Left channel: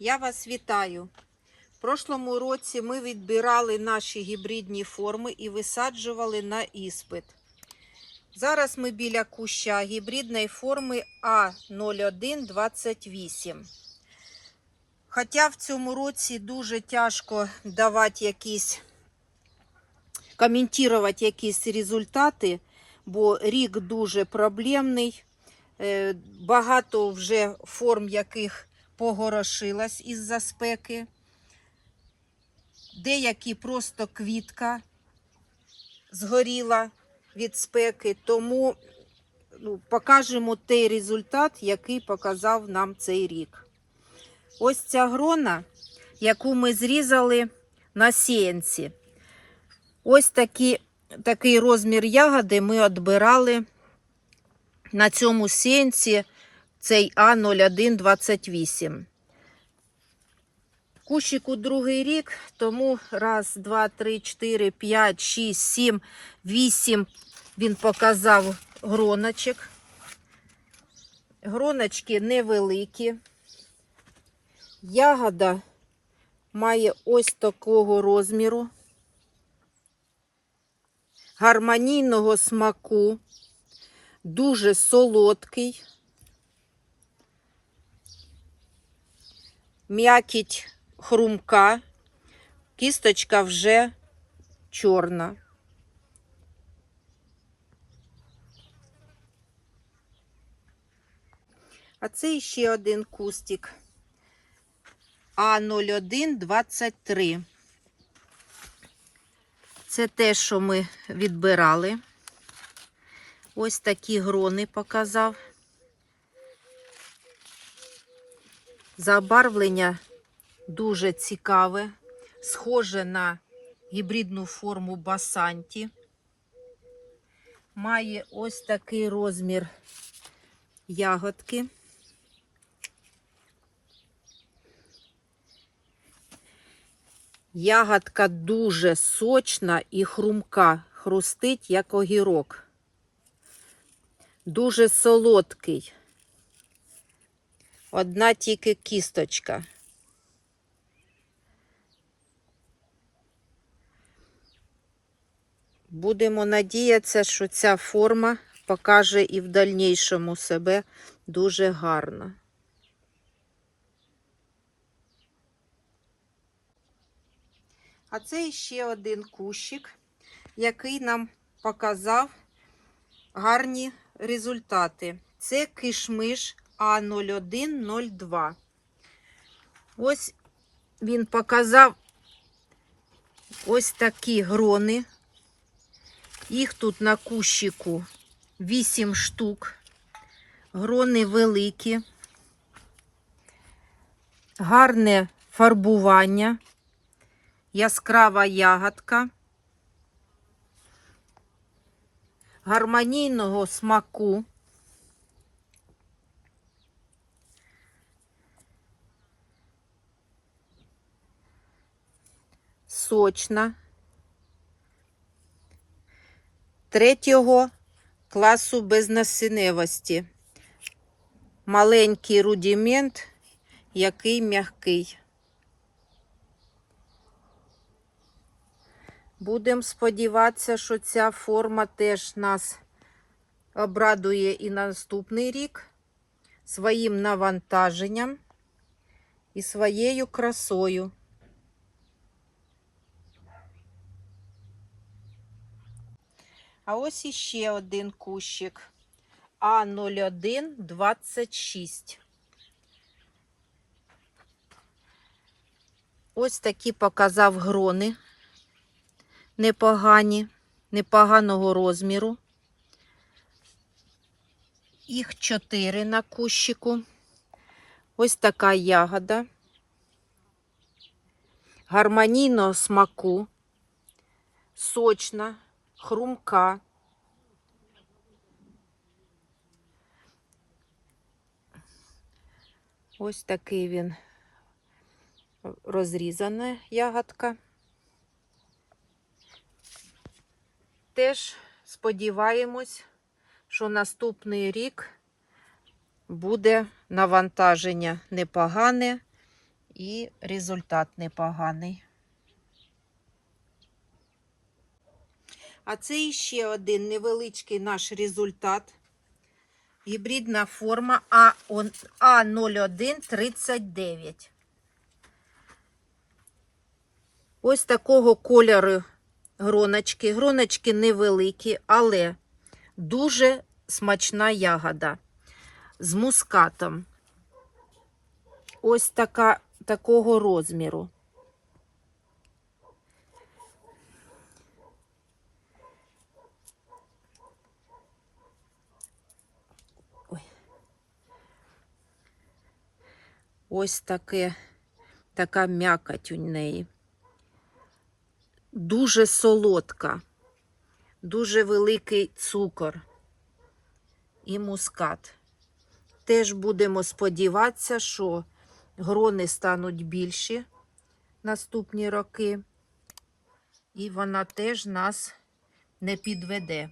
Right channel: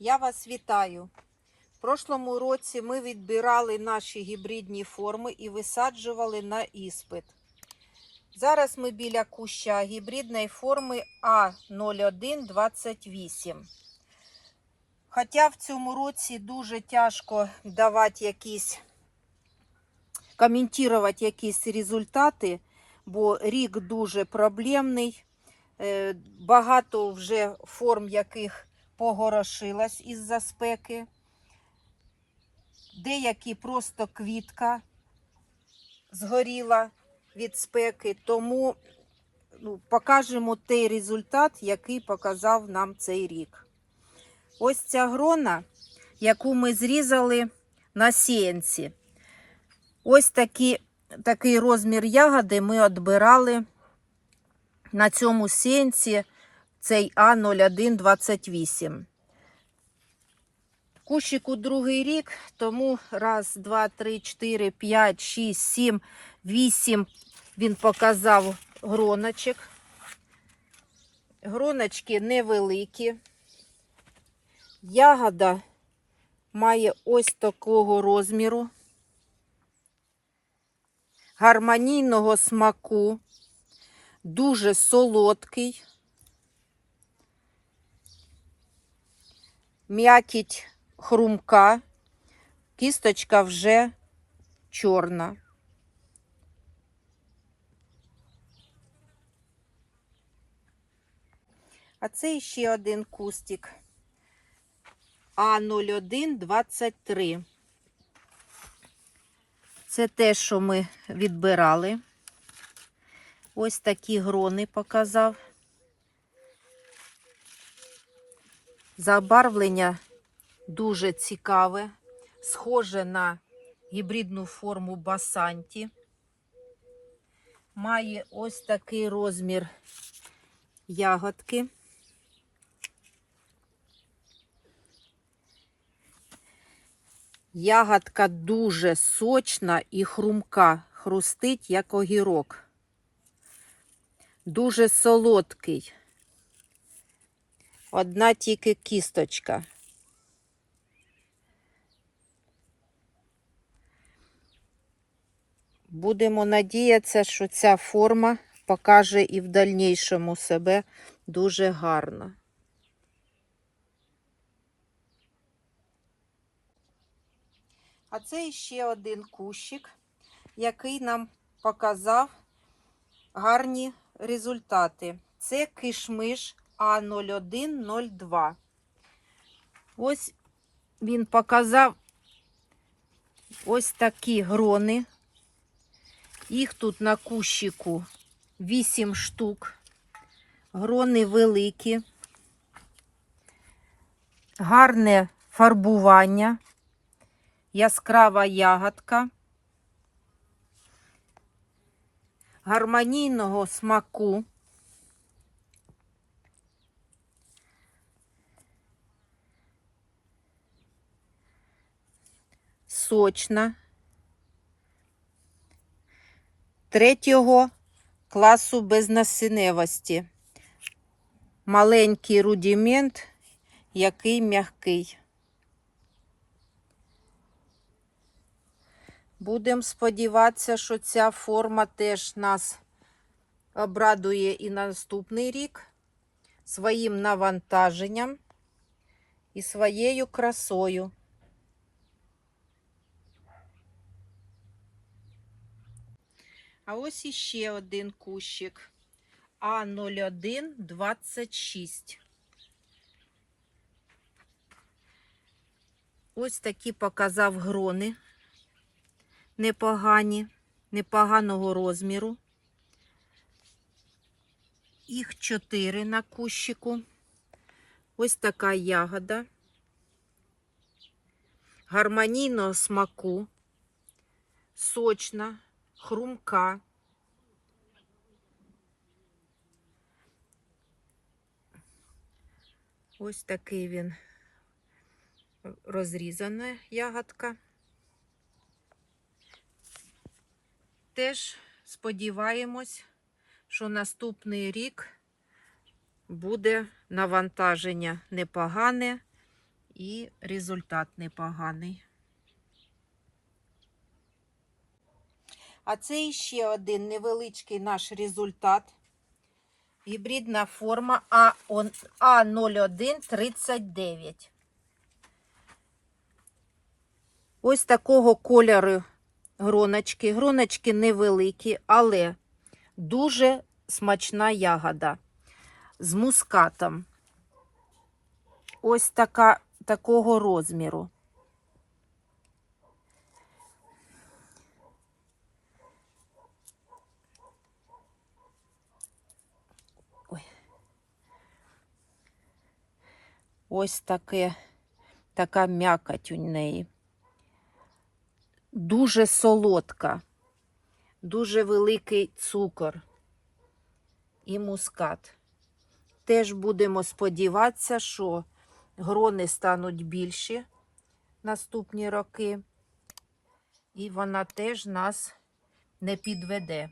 Я вас вітаю. В прошлому році ми відбирали наші гібридні форми і висаджували на іспит. Зараз ми біля куща гібридної форми А0128. Хоча в цьому році дуже тяжко давати якісь, коментувати якісь результати, бо рік дуже проблемний. Е, Багато вже форм, яких погорошилась із-за спеки. Деякі просто квітка згоріла від спеки, тому ну, покажемо той результат, який показав нам цей рік. Ось ця грона, яку ми зрізали на сіянці. Ось такі, такий розмір ягоди ми відбирали на цьому сіянці цей А0128. Кущику другий рік, тому раз, два, три, чотири, п'ять, шість, сім, вісім він показав гроночок. Гроночки невеликі. Ягода має ось такого розміру, гармонійного смаку, дуже солодкий. М'якіть хрумка, кісточка вже чорна. А це ще один кустик А0123. Це те, що ми відбирали. Ось такі грони показав. Забарвлення дуже цікаве, схоже на гібридну форму басанті. Має ось такий розмір ягодки. Ягодка дуже сочна і хрумка, хрустить, як огірок. Дуже солодкий. Одна тільки кісточка. Будемо надіятися, що ця форма покаже і в дальнішому себе дуже гарно. А це ще один кущик, який нам показав гарні результати. Це кишмиш А0102. Ось він показав ось такі грони. Їх тут на кущику 8 штук. Грони великі, гарне фарбування, яскрава ягодка, гармонійного смаку. Сочна. Третього класу безнасінневості. Маленький рудимент, який м'який. Будемо сподіватися, що ця форма теж нас обрадує і на наступний рік своїм навантаженням і своєю красою. А ось іще один кущик А0126. Ось такі показав грони непогані, непоганого розміру. Їх чотири на кущику. Ось така ягода. Гармонійного смаку, сочна, хрумка. Ось такий він розрізана ягодка. Теж сподіваємось, що наступний рік буде навантаження непогане І результат непоганий. А це ще один невеличкий наш результат. Гібридна форма А0139. Ось такого кольору гроночки. Гроночки невеликі, але дуже смачна ягода з мускатом. Ось така, такого розміру. Ось таке, така м'якоть у неї. Дуже солодка, дуже великий цукор і мускат. Теж будемо сподіватися, що грони стануть більші наступні роки, і вона теж нас не підведе.